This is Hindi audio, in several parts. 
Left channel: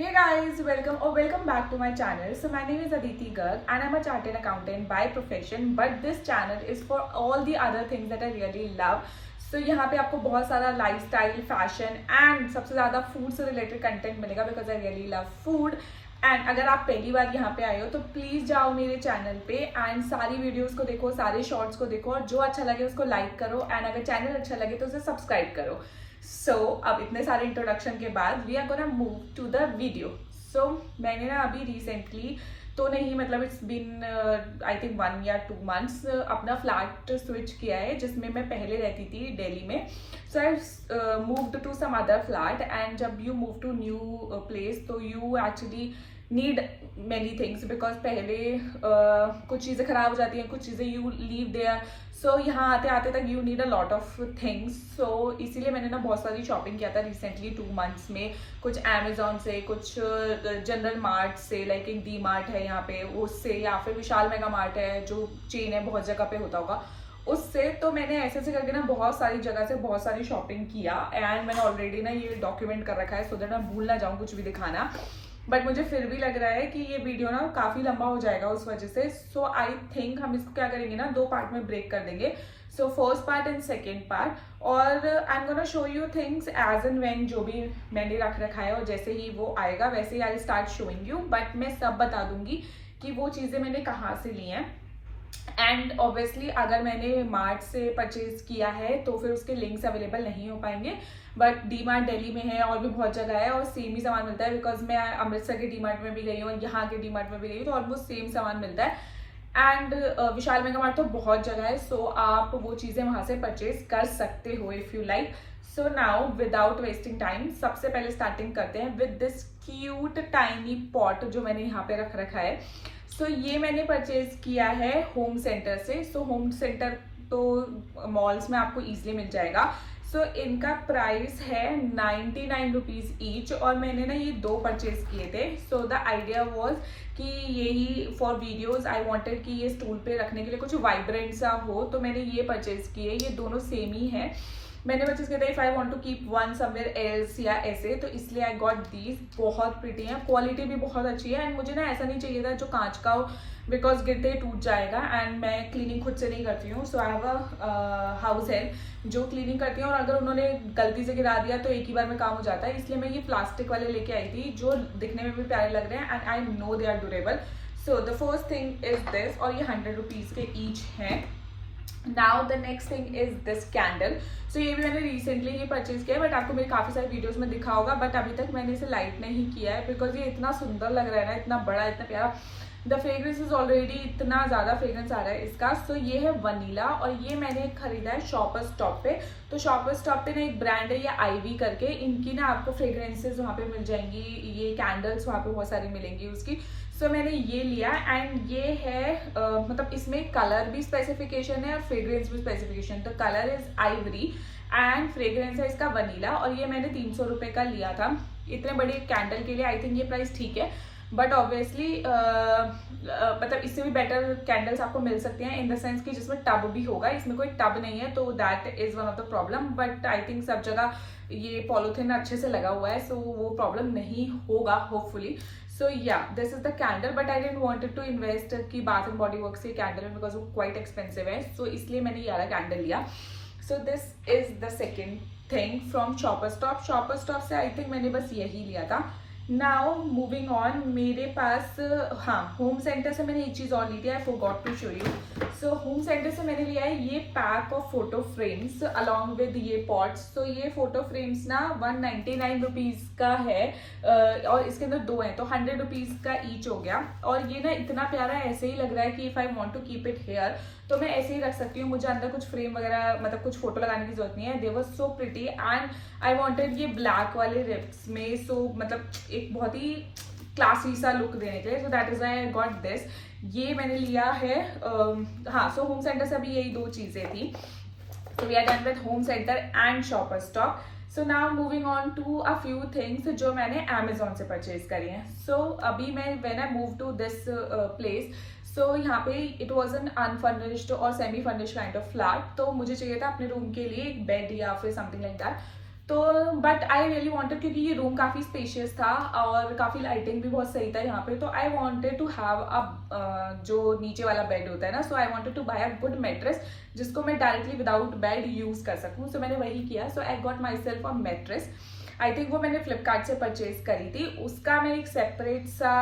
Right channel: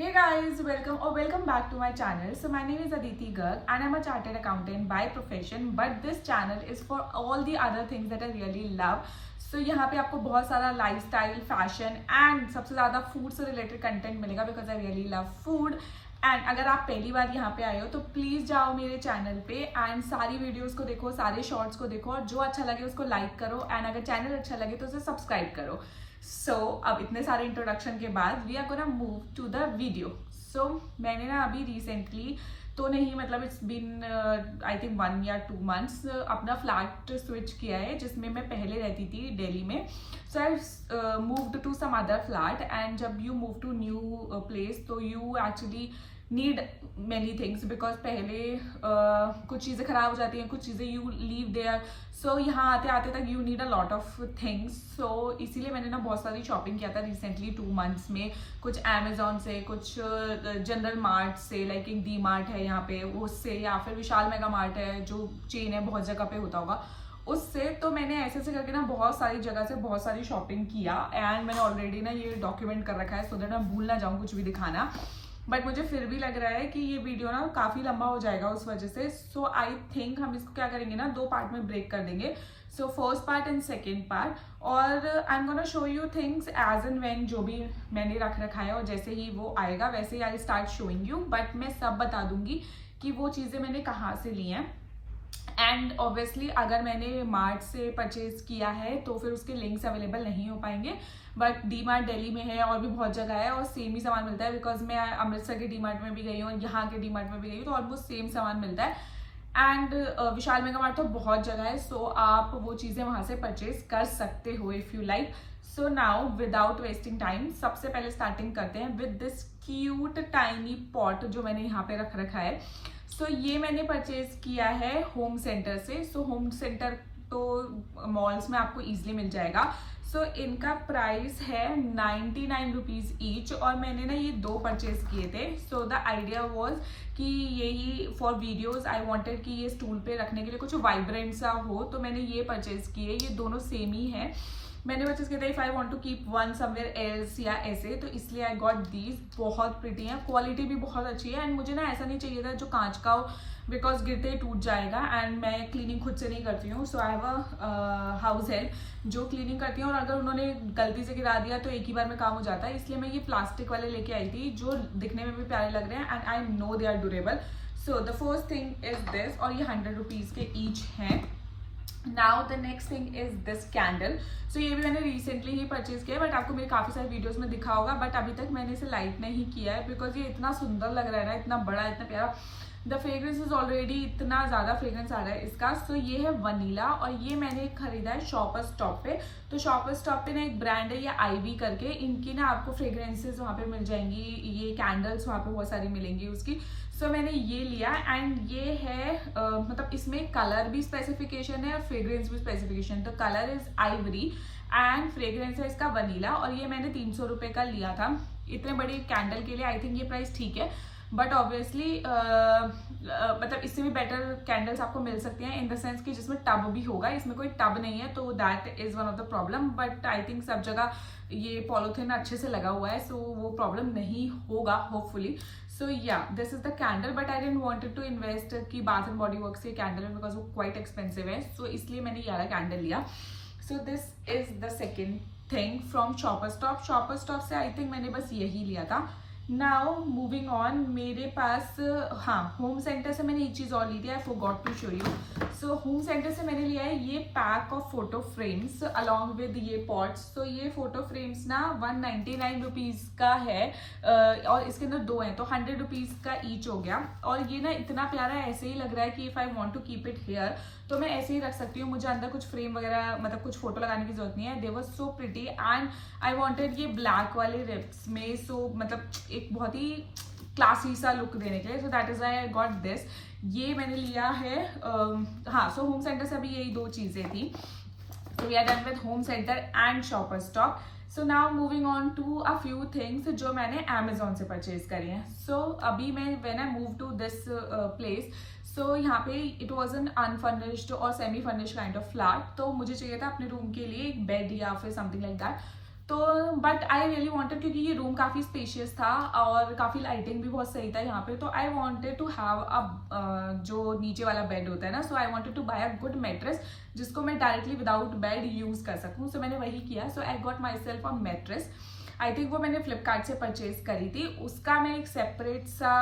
Hey guys, welcome back to my channel. So my name is Aditi Garg and I'm a chartered accountant by profession, but this channel is for all the other things that I really love. So यहाँ पे आपको बहुत सारा लाइफस्टाइल, फैशन एंड सबसे ज़्यादा फूड से रिलेटेड कंटेंट मिलेगा because I really love food. And अगर आप पहली बार यहाँ पे आए हो तो प्लीज़ जाओ मेरे चैनल पे एंड सारी वीडियोस को देखो, सारे शॉर्ट्स को देखो और जो अच्छा लगे उसको लाइक करो एंड अगर चैनल अच्छा लगे तो उसे सब्सक्राइब करो. सो अब इतने सारे इंट्रोडक्शन के बाद we are gonna move to the video. So मैंने ना अभी रिसेंटली तो नहीं, मतलब इट्स बीन आई थिंक 1 या 2 months अपना फ्लैट स्विच किया है जिसमें मैं पहले रहती थी दिल्ली में. So I moved to some other flat and जब you move to new place तो you actually need many things because पहले कुछ चीज़ें खराब हो जाती हैं, कुछ चीज़ें यू लीव देयर. सो यहाँ आते आते तक you need a lot of things. So इसीलिए मैंने ना बहुत सारी शॉपिंग किया था रिसेंटली 2 months में. कुछ अमेजोन से, कुछ जनरल मार्ट से, लाइक एक डी मार्ट है यहाँ पे उससे, या फिर विशाल मेगा मार्ट है जो चेन है, बहुत जगह पे होता होगा उससे. तो मैंने ऐसे करके ना बहुत सारी जगह से बहुत सारी शॉपिंग किया एंड मैंने ऑलरेडी ना ये डॉक्यूमेंट कर रखा है सो दैट मैं भूल ना जाऊँ कुछ भी दिखाना. बट मुझे फिर भी लग रहा है कि ये वीडियो ना काफ़ी लंबा हो जाएगा उस वजह से. सो आई थिंक हम इसको क्या करेंगे ना 2 पार्ट में ब्रेक कर देंगे. So first part and second part. और I am gonna show you things as and when जो भी मैंने रख रखा है और जैसे ही वो आएगा वैसे ही I start showing you. But मैं सब बता दूंगी कि वो चीज़ें मैंने कहाँ से ली हैं. एंड ऑब्वियसली अगर मैंने मार्ट से परचेज किया है तो फिर उसके लिंक्स अवेलेबल नहीं हो पाएंगे. बट डी मार्ट दिल्ली में है और भी बहुत जगह है और सेम ही सामान मिलता है बिकॉज मैं अमृतसर के डी मार्ट में भी गई हूँ और यहाँ के डी मार्ट में भी गई हूँ तो ऑलमोस्ट सेम सामान मिलता है. एंड विशाल मेगा मार्ट तो बहुत जगह है सो आप वो चीज़ें वहाँ से परचेज कर सकते हो if you like. So now without wasting time सबसे पहले स्टार्टिंग करते हैं with this cute tiny pot जो मैंने यहाँ पे रख रखा है. सो ये मैंने परचेज किया है होम सेंटर से. सो होम सेंटर तो मॉल्स में आपको ईजिली मिल जाएगा. सो इनका प्राइस है 99 रुपीज़ ईच और मैंने ना ये 2 परचेज किए थे. सो द आइडिया वॉज कि यही फॉर वीडियोस आई वांटेड कि ये स्टूल पे रखने के लिए कुछ वाइब्रेंट सा हो तो मैंने ये परचेज किए. ये दोनों सेम ही है. मैंने परचेज किया था if I want to keep one somewhere else या ऐसे, तो इसलिए आई गॉट दीज. बहुत प्रिटी हैं, क्वालिटी भी बहुत अच्छी है एंड मुझे ना ऐसा नहीं चाहिए था जो कांच का हो बिकॉज गिरते ही टूट जाएगा. एंड मैं क्लीनिंग खुद से नहीं करती हूँ so I have a house help जो क्लीनिंग करती है और अगर उन्होंने गलती से गिरा दिया तो एक ही बार में काम हो जाता है. इसलिए मैं ये प्लास्टिक वाले लेके आई थी जो दिखने में भी प्यारे लग रहे हैं and I know they are durable. So the first thing is this और ये 100 रुपीज़ के ईच हैं. Now the next thing is this candle. So ये भी मैंने रिसेंटली ही परचेज किया है बट आपको मेरे काफ़ी सारे वीडियोस में दिखा होगा बट अभी तक मैंने इसे लाइट नहीं किया है बिकॉज ये इतना सुंदर लग रहा है ना, इतना बड़ा, इतना प्यारा. द फ्रेग्रेंस इज ऑलरेडी इतना ज़्यादा फ्रेग्रेंस आ रहा है इसका. सो ये है वनीला और ये मैंने खरीदा है शॉपर स्टॉप पे. तो शॉपर स्टॉप पे ना एक ब्रांड है ये आईवी करके, इनकी ना आपको फ्रेग्रेंसेज वहाँ पे मिल जाएंगी, ये कैंडल्स वहाँ पे बहुत सारी मिलेंगी उसकी. सो मैंने ये लिया एंड ये है मतलब इसमें कलर भी स्पेसिफिकेशन है और फ्रेग्रेंस भी specification. The colour is Ivory and fragrance है इसका वनीला और ये मैंने 300 रुपये का लिया था. इतने बड़े कैंडल के लिए आई थिंक ये प्राइस ठीक है बट ऑब्वियसली मतलब इससे भी बेटर कैंडल्स आपको मिल सकते हैं इन द सेंस कि जिसमें टब भी होगा. इसमें कोई टब नहीं है तो that is one of the problem. But I think सब जगह ये पॉलीथिन अच्छे से लगा हुआ है सो वो प्रॉब्लम नहीं होगा होपफुली. सो या this is the candle but I didn't wanted to invest कि बाथ एंड बॉडी वर्क से कैंडल है बिकॉज वो क्वाइट एक्सपेंसिव है. सो इसलिए मैंने ये वाला कैंडल लिया. So this is the second thing from Shoppers Stop. Shoppers Stop से आई थिंक मैंने बस यही लिया था. नाउ मूविंग ऑन, मेरे पास हाँ होम सेंटर से मैंने एक चीज़ और ली थी, I forgot to show you. So home centre से मैंने लिया है ये pack of photo frames along with ये पॉट्स. तो ये फोटो फ्रेम्स ना 199 रुपीज़ का है और इसके अंदर 2 हैं तो 100 रुपीज़ का ईच हो गया. और ये ना इतना प्यारा ऐसे ही लग रहा है कि if I want to keep it here तो मैं ऐसे ही रख सकती हूँ. मुझे अंदर कुछ फ्रेम वगैरह मतलब कुछ फोटो लगाने की जरूरत नहीं है. They was so pretty and I wanted ये ब्लैक वाले रिप्स में. सो मतलब एक बहुत ही क्लासी सा लुक देने के लिए. So that is I got this. ये मैंने लिया है हाँ. सो होम सेंटर से अभी यही 2 चीज़ें थी. So we are done with Home Centre and Shopper Stop. So now moving on to a few things जो मैंने अमेजोन से परचेज करी हैं. सो अभी मैं when I move to this place so यहाँ पे इट वॉज एन अनफर्निश्ड और semi furnished kind of flat. तो मुझे चाहिए था अपने रूम के लिए एक बेड या फिर समथिंग लाइक दैट. तो बट आई रियली वांटेड, क्योंकि ये रूम काफ़ी स्पेशियस था और काफ़ी लाइटिंग भी बहुत सही था यहाँ पे, तो I wanted to have a जो नीचे वाला बेड होता है ना, so I wanted to buy a good mattress जिसको मैं डायरेक्टली विदाउट बेड यूज़ कर सकूँ. सो मैंने वही किया. So I got myself a mattress. I think वो मैंने फ्लिपकार्ट से परचेज करी थी. उसका मैं एक सेपरेट सा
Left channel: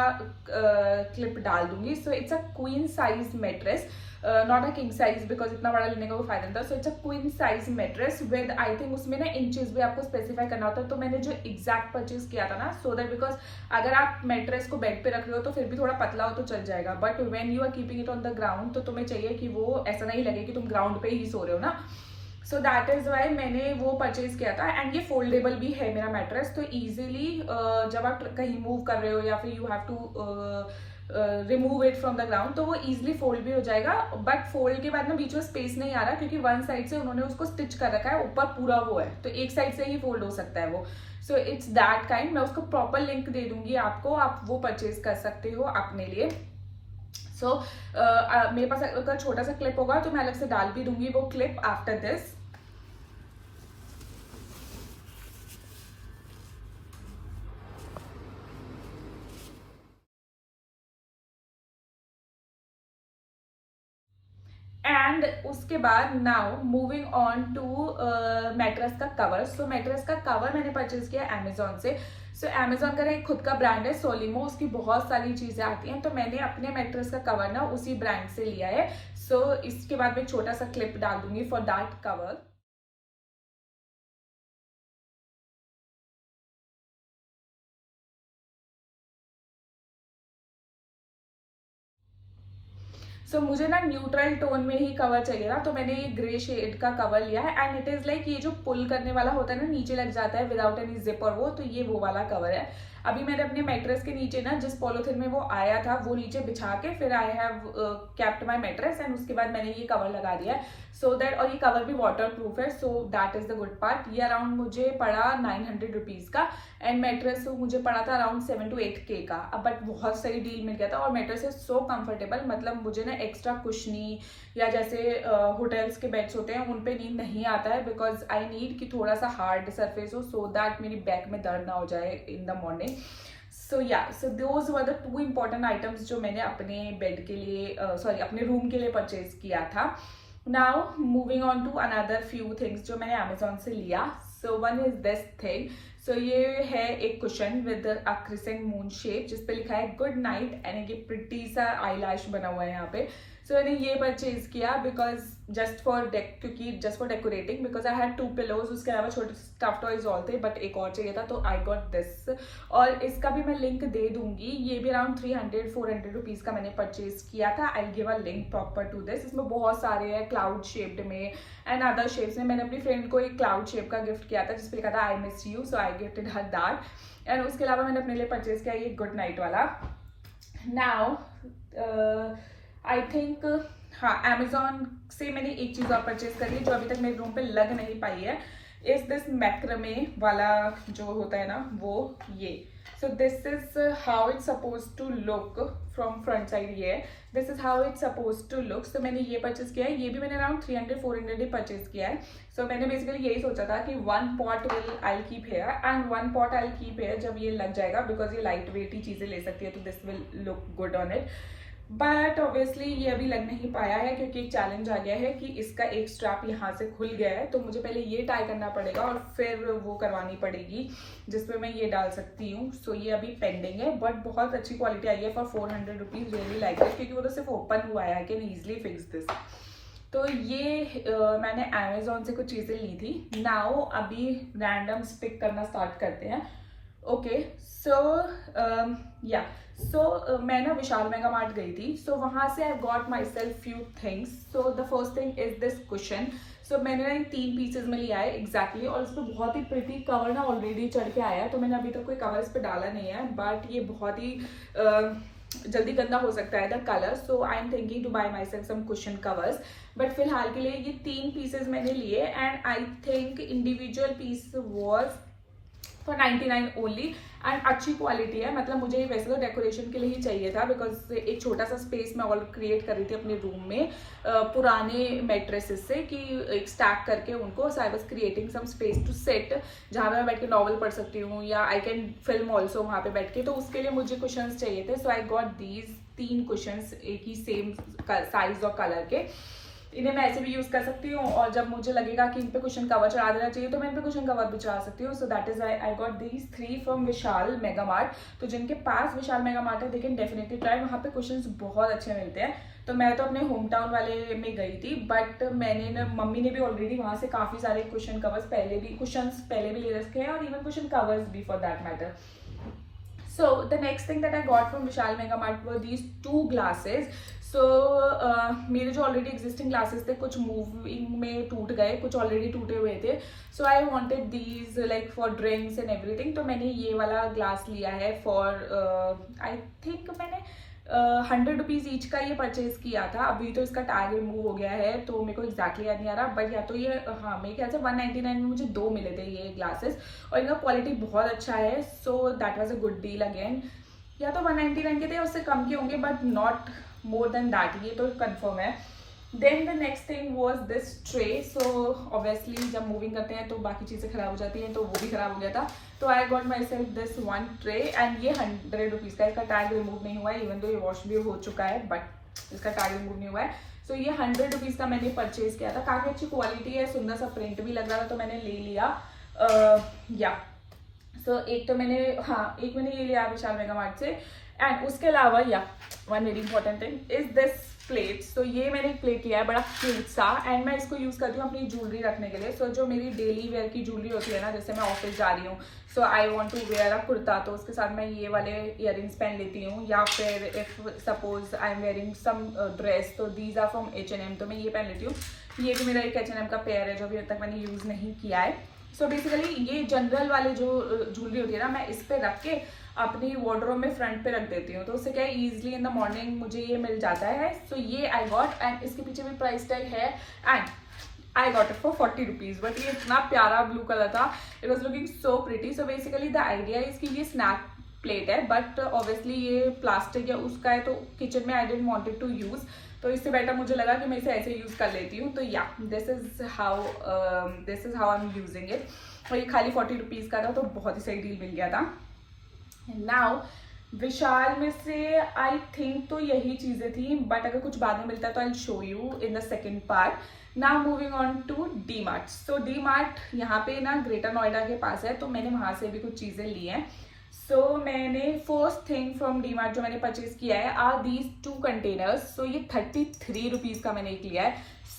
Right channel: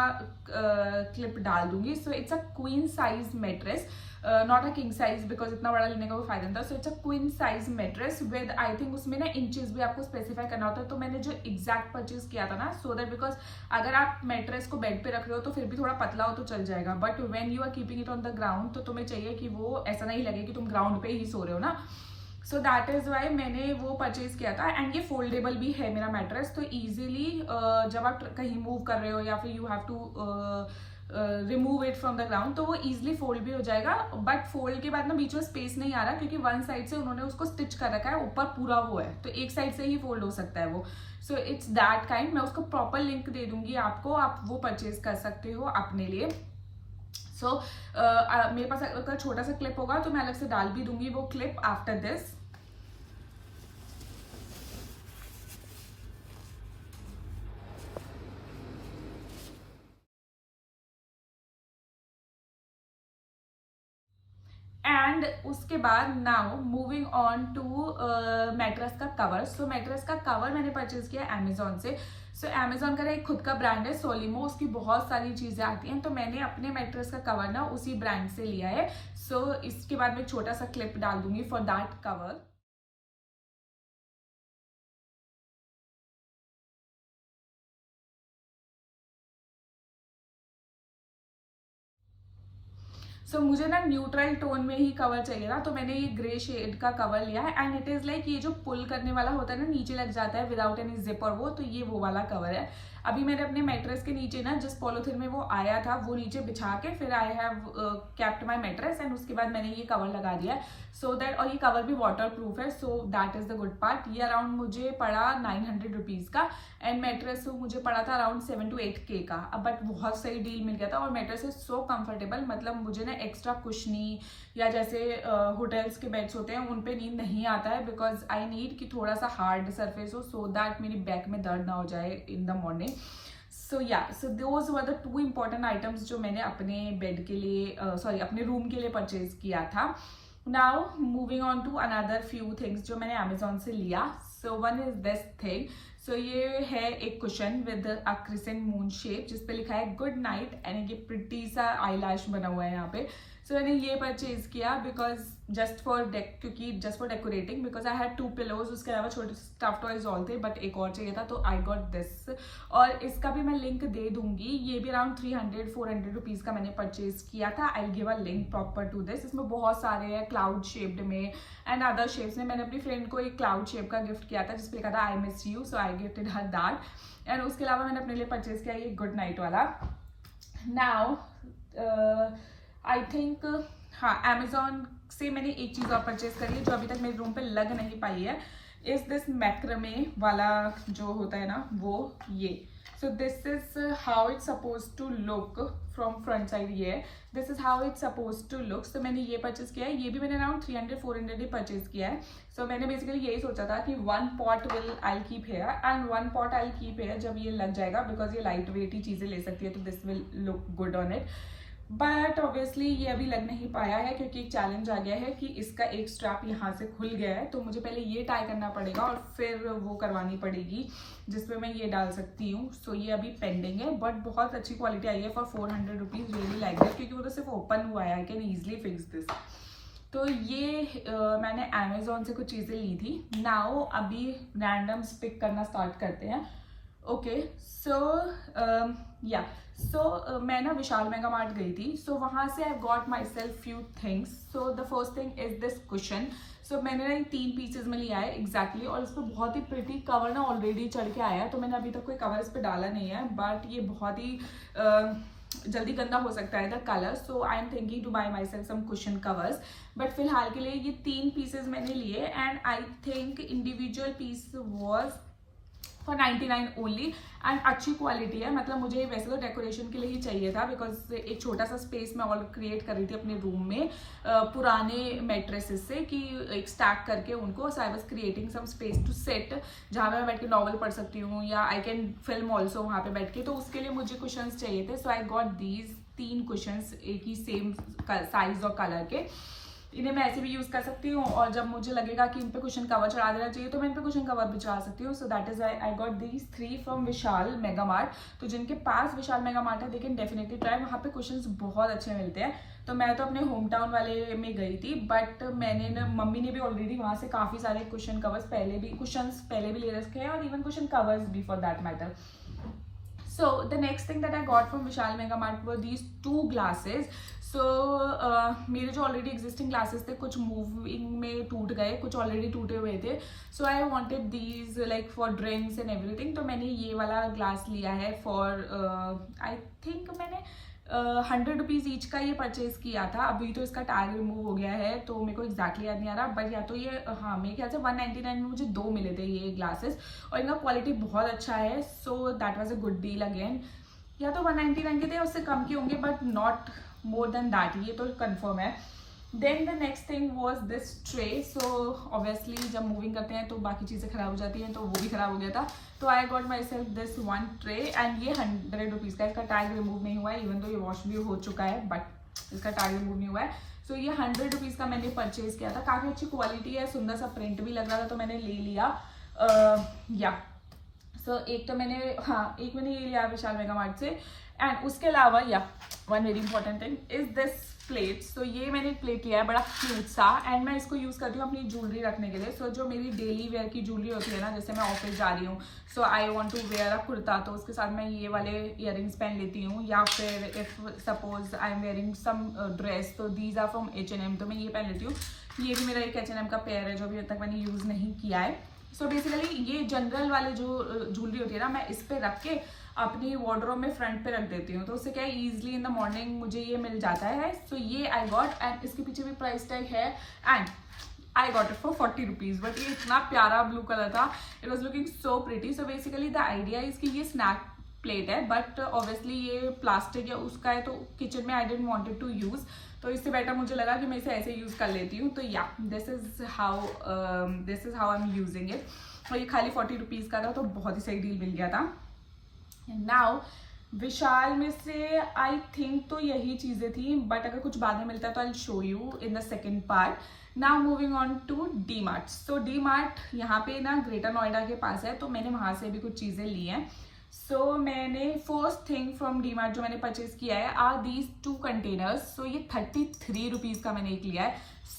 क्लिप डाल दूंगी. So it's a queen size mattress, not a king size, because इतना बड़ा लेने का कोई फायदा नहीं था. So it's a queen size mattress with, I think उसमें ना इंचेस भी आपको स्पेसिफाई करना होता है. तो मैंने जो एग्जैक्ट परचेज किया था ना, सो दैट बिकॉज अगर आप मैट्रेस को बेड पे रख रहे हो तो फिर भी थोड़ा पतला हो तो चल जाएगा, but when you are keeping it on the ground तो तुम्हें चाहिए कि वो ऐसा नहीं लगे कि तुम ग्राउंड पे ही सो रहे हो ना. सो दैट इज वाई मैंने वो परचेज किया था. एंड ये फोल्डेबल भी है मेरा मैट्रेस, तो ईजिली जब आप कहीं मूव कर रहे हो या फिर you have to remove it from the ground तो वो इजिली फोल्ड भी हो जाएगा. बट फोल्ड के बाद ना बीच में स्पेस नहीं आ रहा, क्योंकि वन साइड से उन्होंने उसको स्टिच कर रखा है, ऊपर पूरा वो है, तो एक साइड से ही फोल्ड हो सकता है वो. So it's that kind. मैं उसको प्रॉपर लिंक दे दूंगी आपको, आप वो परचेज कर सकते हो अपने लिए. सो मेरे पास अगर छोटा सा क्लिप होगा तो मैं अलग से डाल भी दूंगी वो क्लिप आफ्टर दिस. एंड उसके बाद now moving on to mattress का कवर. सो मैट्रेस का कवर मैंने परचेज किया अमेजोन से. सो अमेजोन का एक खुद का ब्रांड है सोलिमो, उसकी बहुत सारी चीजें आती हैं, तो मैंने अपने मैट्रेस का कवर ना उसी ब्रांड से लिया है. सो इसके बाद मैं छोटा सा क्लिप डाल दूंगी फॉर दैट कवर. मुझे ना न्यूट्रल टोन में ही कवर चाहिए था, तो मैंने ये ग्रे शेड का कवर लिया है. एंड इट इज लाइक ये जो पुल करने वाला होता है ना, नीचे लग जाता है विदाउट एनी जिप और वो, तो ये वो वाला कवर है. अभी मैंने अपने मैट्रेस के नीचे ना जिस पॉलिथीन में वो आया था वो नीचे बिछा के फिर I have kept my mattress, and उसके बाद मैंने ये कवर लगा दिया है. सो दैट, और ये कवर भी वाटर प्रूफ है, so that is the good part. ये अराउंड मुझे पड़ा 900 रुपीज का, एंड मैट्रेस मुझे पड़ा था अराउंड 7 to 8K का. अब बट बहुत सही डील मिल गया था, और मैट्रेस इज सो कंफर्टेबल. मतलब मुझे ना एक्स्ट्रा कुशनी या जैसे होटल्स के बेड्स होते हैं उन पे नींद नहीं आता है, बिकॉज आई नीड कि थोड़ा सा हार्ड सरफेस हो, सो दैट मेरी बैक में दर्द ना हो जाए in the morning. So yeah, so those were the 2 important items जो मैंने अपने बेड के लिए सॉरी अपने रूम के लिए परचेज किया था. Now moving on to another few things जो मैंने अमेजोन से लिया. So one is this thing. So ये है एक cushion with a crescent moon shape जिसपे लिखा है गुड नाइट, एंड एक प्रिटी सा आईलैश बना हुआ है यहाँ पे. सो मैंने ये परचेज किया because just for decorating, because I had 2 pillows. उसके अलावा छोटे स्टफ टॉयज ऑल थे, बट एक और चाहिए था, तो आई गॉट दिस. और इसका भी मैं लिंक दे दूंगी. ये भी अराउंड 300-400 रुपीज का मैंने परचेज किया था. I give a link proper to this. इसमें बहुत सारे हैं क्लाउड शेप्ड में एंड अदर शेप्स में. मैंने अपनी फ्रेंड को एक क्लाउड शेप का गिफ्ट किया था जिसपे लिखा था I miss you, so I gifted her that. And उसके अलावा मैंने अपने लिए परचेज किया ये गुड नाइट वाला. नाउ आई थिंक हाँ, अमेजोन से मैंने एक चीज और परचेज कर ली जो अभी तक मेरे रूम पे लग नहीं पाई है. इज दिस मैक्रमे वाला जो होता है ना वो ये. So this is how it's suppose to look from front side. ये this is how it's suppose to look. So मैंने ये परचेज किया है. ये भी मैंने अराउंड 300-400 ही परचेज किया है. सो मैंने बेसिकली यही सोचा था कि 1 pot will I keep here and 1 pot I keep here जब ये लग जाएगा, बिकॉज ये लाइट वेट ही चीजें ले सकती है, तो this will look good on it. But obviously ये अभी लग नहीं पाया है क्योंकि एक चैलेंज आ गया है कि इसका एक स्ट्रैप यहाँ से खुल गया है, तो मुझे पहले ये टाई करना पड़ेगा और फिर वो करवानी पड़ेगी जिसपे मैं ये डाल सकती हूँ. सो ये अभी पेंडिंग है, बट बहुत अच्छी क्वालिटी आई है for 400 rupees. Really like this, क्योंकि वो तो सिर्फ ओपन हुआ है. I can easily fix this. तो ये मैंने अमेजोन से कुछ चीज़ें ली थी. नाउ अभी रैंडम्स पिक करना स्टार्ट करते हैं. ओके, सो मैं ना विशाल मेगा मार्ट गई थी. सो वहाँ से I got myself few things. So the first thing is this cushion. So मैंने ना 3 पीसेज में लिया है एग्जैक्टली, और इस पर बहुत ही प्रिटी कवर ना ऑलरेडी चढ़ के आया है, तो मैंने अभी तक कोई कवर इस पर डाला नहीं है. बट ये बहुत ही जल्दी गंदा हो सकता है the colour. So I am thinking to buy myself some cushion covers. But फिलहाल के लिए ये 3 पीसेज मैंने लिए, and I think individual piece was for 99 only and अच्छी क्वालिटी है। मतलब मुझे वैसे तो डेकोरेशन के लिए ही चाहिए था, बिकॉज एक छोटा सा स्पेस मैं ऑल क्रिएट कर रही थी अपने रूम में पुराने मैट्रेसेस से, कि एक स्टैक करके उनको, so I was creating some space to set जहाँ मैं बैठ के नॉवल पढ़ सकती हूँ या आई कैन फिल्म ऑल्सो वहाँ पे बैठ के। तो उसके लिए मुझे कुशंस चाहिए थे, so I got these 3 cushions एक ही सेम साइज और कलर के। इन्हें मैं ऐसे भी यूज कर सकती हूँ, और जब मुझे लगेगा कि इन पे कुशन कवर चढ़ा देना चाहिए तो मैं इन पे कुशन कवर भी चढ़ा सकती हूँ। So that is I got these 3 from Vishal Mega mart. तो जिनके पास विशाल मेगा मार्ट है दे कैन डेफिनेटली ट्राई, वहाँ पे कुशंस बहुत अच्छे मिलते हैं। तो मैं तो अपने होम टाउन वाले में गई थी, बट मैंने ना, मम्मी ने भी ऑलरेडी वहाँ से काफ़ी सारे कुशन कवर्स कुशंस पहले भी ले रखे हैं, और इवन कुशन कवर्स भी for that matter. So the next thing that I got from Vishal Mega Mart were these 2 glasses. So मेरे जो ऑलरेडी एग्जिस्टिंग ग्लासेस थे कुछ मूविंग में टूट गए, कुछ ऑलरेडी टूटे हुए थे। So I wanted these like for drinks and everything. तो मैंने ये वाला ग्लास लिया है फॉर आई थिंक मैंने 100 रुपीज़ ईच का ये परचेज किया था। अभी तो इसका टैग रिमूव हो गया है तो मेरे को एग्जैक्टली याद नहीं आ रहा, बट या तो ये हाँ मेरे ख्याल से 199 में मुझे 2 मिले थे ये ग्लासेस, और इनका क्वालिटी बहुत अच्छा है। So that was a good deal again. या तो 199 के थे, उससे कम के होंगे, but not more than that, ये तो कंफर्म है। Then the next thing was this tray. So obviously जब मूविंग करते हैं तो बाकी चीज़ें खराब हो जाती हैं, तो वो भी खराब हो गया था। तो आई got my self this 1 tray, and ये 100 रुपीज़ का, इसका टैग रिमूव नहीं हुआ है, इवन तो ये वॉश भी हो चुका है, बट इसका टैग रिमूव नहीं हुआ है। सो ये 100 रुपीज़ का मैंने परचेज किया था। काफ़ी अच्छी क्वालिटी है, सुंदर सा प्रिंट भी लग रहा था, तो मैंने ले लिया। या सो एक तो मैंने एक मैंने ये लिया विशाल मेगा मार्ट से। एंड उसके अलावा one very important thing is this plate. So ये मैंने एक प्लेट लिया है बड़ा क्यूट सा, एंड मैं इसको यूज़ करती हूँ अपनी ज्वेलरी रखने के लिए। सो जो मेरी डेली वेयर की ज्वेलरी होती है ना, जैसे मैं ऑफिस जा रही हूँ, so I want to where अ कुर्ता, तो उसके साथ मैं ये वाले ईयरिंग्स पहन लेती हूँ, या फिर if suppose I am wearing some dress, तो दीज आर फ्रॉम H&M, तो मैं ये पहन लेती हूँ। ये भी मेरा एक H&M का पेयर है जो अभी तक मैंने यूज़ नहीं किया है। सो बेसिकली ये जनरल वाले जो ज्वेलरी होती है ना, मैं इस पर रख के अपनी वार्डरोब में फ्रंट पे रख देती हूँ, तो उससे क्या है ईजिली इन द मॉर्निंग मुझे ये मिल जाता है। सो ये आई गॉट, एंड इसके पीछे भी प्राइस टैग है, and I got it for 40 rupees. But ये इतना प्यारा ब्लू कलर था, it was looking so pretty. So basically the idea is कि ये स्नैक प्लेट है, बट ऑब्वियसली ये प्लास्टिक या उसका है, तो किचन में आई डेंट वॉन्टेड टू यूज़, तो इससे बेटर मुझे लगा कि मैं इसे ऐसे यूज़ कर लेती हूँ। तो या this is how I am using it. और ये खाली 40 रुपीज़ का था, तो बहुत ही सही डील मिल गया था। नाउ विशाल में से आई थिंक तो यही चीज़ें थी, बट अगर कुछ बाद में मिलता है तो I show you in the second part. Now moving on to D Mart. So D Mart यहाँ पे ना ग्रेटर नोएडा के पास है, तो मैंने वहाँ से भी कुछ चीज़ें ली हैं। सो मैंने first thing from D mart जो मैंने परचेज किया है आर दीज 2 कंटेनर्स। सो ये 33 रुपीज़ का मैंने एक लिया है।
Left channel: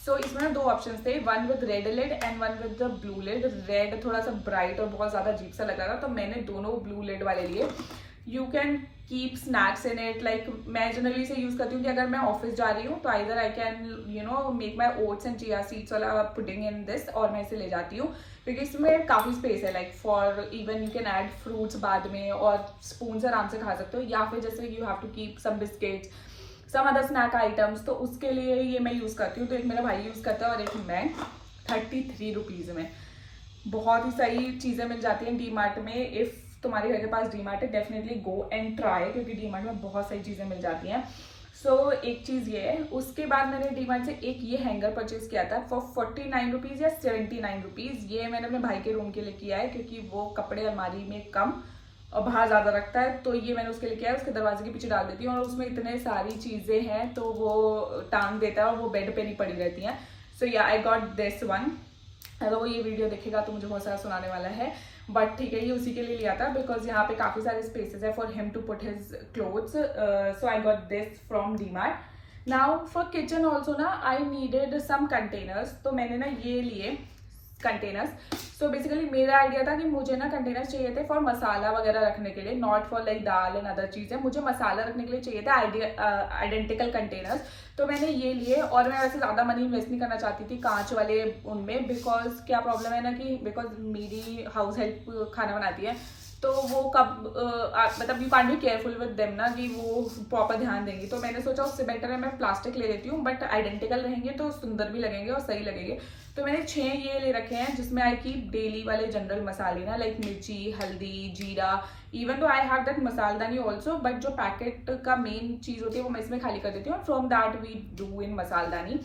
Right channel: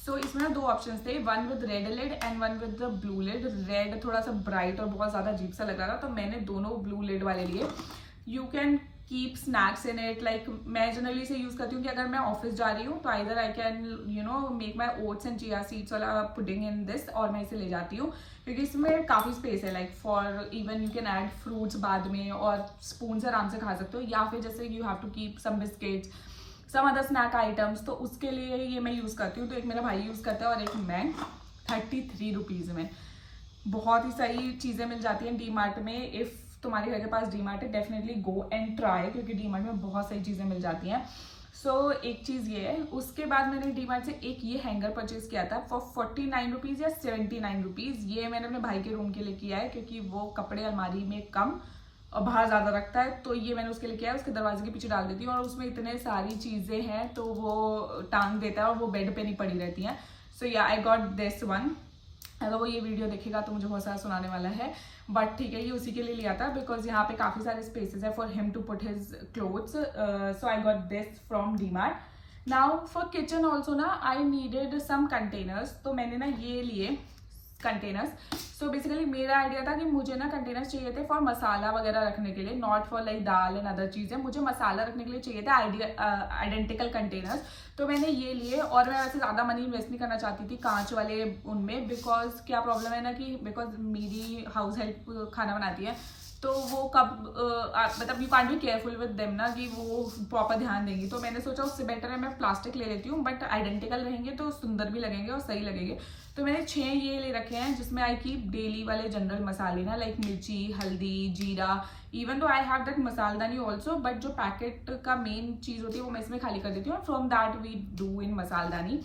सो इसमें ना 2 ऑप्शन थे, one with red lid and one with the blue lid. Red थोड़ा सा ब्राइट और बहुत ज़्यादा अजीब सा लग रहा था, तो मैंने दोनों ब्लू लिड वाले लिए। You can keep snacks in it, like मैं जनरली इसे यूज़ करती हूँ कि अगर मैं ऑफिस जा रही हूँ तो either I can make my oats and chia seeds वाला पुडिंग इन दिस, और मैं इसे ले जाती हूँ क्योंकि इसमें काफ़ी स्पेस है, like for even you can add fruits बाद में, और स्पून से आराम से खा सकते हो, या फिर जैसे you have to keep some biscuits some other snack items, तो उसके लिए ये मैं यूज़ करती हूँ। तो एक मेरा भाई यूज़ करता है और एक मैं। 33 रुपीज़ में बहुत ही सही चीज़ें मिल जाती हैं डी मार्ट में। इफ़ तुम्हारे घर के पास डी मार्ट है, डेफिनेटली गो एंड ट्राई, क्योंकि डी मार्ट में बहुत सारी चीज़ें मिल जाती हैं। सो एक चीज़ ये है। उसके बाद मैंने डी मार्ट से एक ये हैंगर परचेज किया था फॉर 49 रुपीज़ या 79 रुपीज़। ये मैंने अपने भाई के रूम के लिए किया है, क्योंकि वो कपड़े अलमारी में कम और बाहर ज़्यादा रखता है, तो ये मैंने उसके लिए किया है। उसके दरवाजे के पीछे डाल देती हूँ, और उसमें इतने सारी चीज़ें हैं तो वो टांग देता है और वो बेड पे नहीं पड़ी रहती हैं। सो या आई गॉट दिस वन। अगर वो ये वीडियो देखेगा तो मुझे बहुत सारा सुनाने वाला है, बट ठीक है, ये उसी के लिए लिया था बिकॉज यहाँ पे काफ़ी सारे स्पेसेस है for him to put his clothes. So I got this from D Mart. Now for kitchen also ना आई नीडेड सम कंटेनर्स, तो मैंने ना ये लिए कंटेनर्स। सो बेसिकली मेरा आइडिया था कि मुझे ना कंटेनर्स चाहिए थे फॉर मसाला वगैरह रखने के लिए, not for like dal and other चीज़ें। मुझे मसाला रखने के लिए चाहिए थे आइडेंटिकल कंटेनर्स, तो मैंने ये लिए। और मैं वैसे ज़्यादा मनी इन्वेस्ट नहीं करना चाहती थी कांच वाले उनमें, बिकॉज क्या प्रॉब्लम है ना कि बिकॉज मेरी हाउस हेल्प खाना बनाती है, तो वो कब मतलब you can't be careful with them ना कि वो प्रॉपर ध्यान देंगी। तो मैंने सोचा उससे बेटर है मैं प्लास्टिक ले लेती हूँ, बट आइडेंटिकल रहेंगे तो सुंदर भी लगेंगे और सही लगेंगे। तो मैंने 6 ये ले रखे हैं जिसमें आई कीप डेली वाले जनरल मसाले ना, लाइक मिर्ची, हल्दी, जीरा। इवन तो आई हैव दैट मसालदानी ऑल्सो, बट जो पैकेट का मेन चीज होती है वो मैं इसमें खाली कर देती हूँ। From that we do in मसालदानी।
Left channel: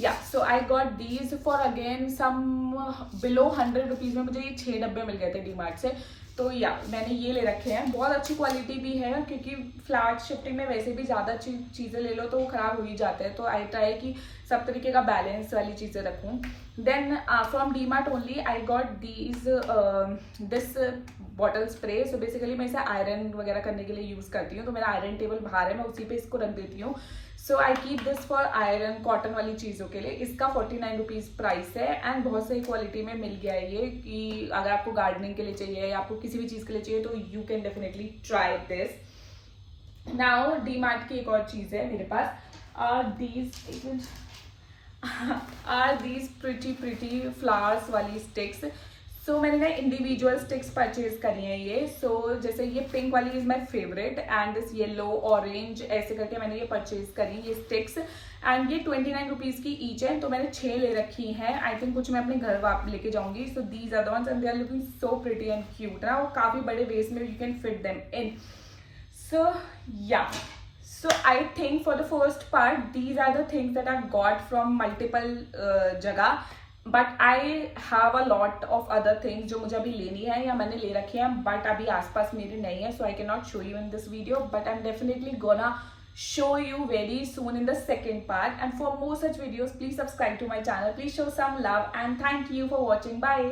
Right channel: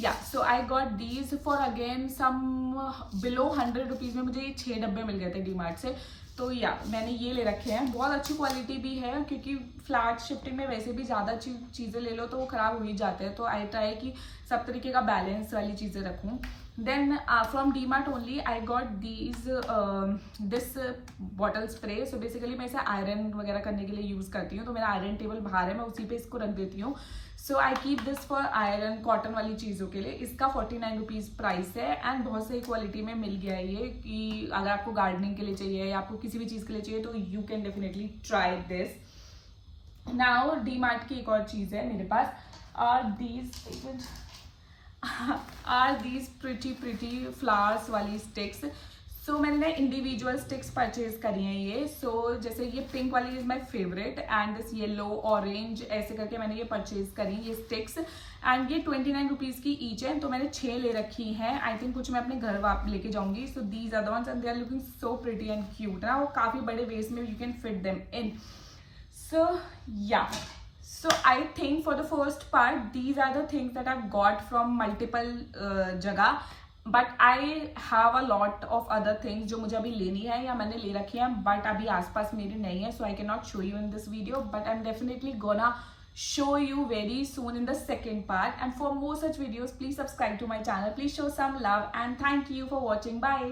Yeah so I got these for again some below 100 rupees में मुझे ये 6 डब्बे मिल गए थे डीमार्ट से। तो या मैंने ये ले रखे हैं, बहुत अच्छी क्वालिटी भी है क्योंकि फ्लैट शिफ्टिंग में वैसे भी ज़्यादा चीज़ें ले लो तो वो ख़राब हो ही जाते हैं। तो आई ट्राई कि सब तरीके का बैलेंस वाली चीज़ें रखूँ। Then from D Mart only I got this bottle spray. So basically मैं इसे आयरन वगैरह करने के लिए यूज़ करती हूँ। तो मेरा आयरन टेबल बाहर है, मैं उसी पे इसको रख देती हूँ। So I keep this for iron cotton वाली चीज़ों के लिए। इसका 49 रुपीज़ प्राइस है एंड बहुत सही क्वालिटी में मिल गया है ये, कि अगर आपको गार्डनिंग के लिए चाहिए या आपको किसी भी चीज़ के लिए चाहिए तो you can definitely try this. Now D mart की एक और चीज़ है मेरे पास, आर दीज प्रिटी फ्लावर्स वाली स्टिक्स। सो मैंने ना इंडिविजुअल स्टिक्स परचेज करी हैं ये। सो जैसे ये पिंक वाली is my favourite and this yellow orange ऐसे करके मैंने ये परचेज करी ये स्टिक्स, एंड ये 29 रुपीज़ की ईच है। तो मैंने 6 ले रखी हैं। आई थिंक कुछ मैं अपने घर वापस लेके जाऊंगी। So these are the ones and they are looking so pretty and cute ना, वो काफ़ी बड़े वेस्ट में you can fit them in. So yeah so I think for the first part these are the things that I've got from multiple जगह, but I have a lot of other things जो मुझे अभी लेनी है या मैंने ले रखी हैं, but अभी आसपास मेरे नहीं है, so I cannot show you in this video, but I'm definitely gonna show you very soon in the second part. And for more such videos please subscribe to my channel, please show some love and thank you for watching. Bye.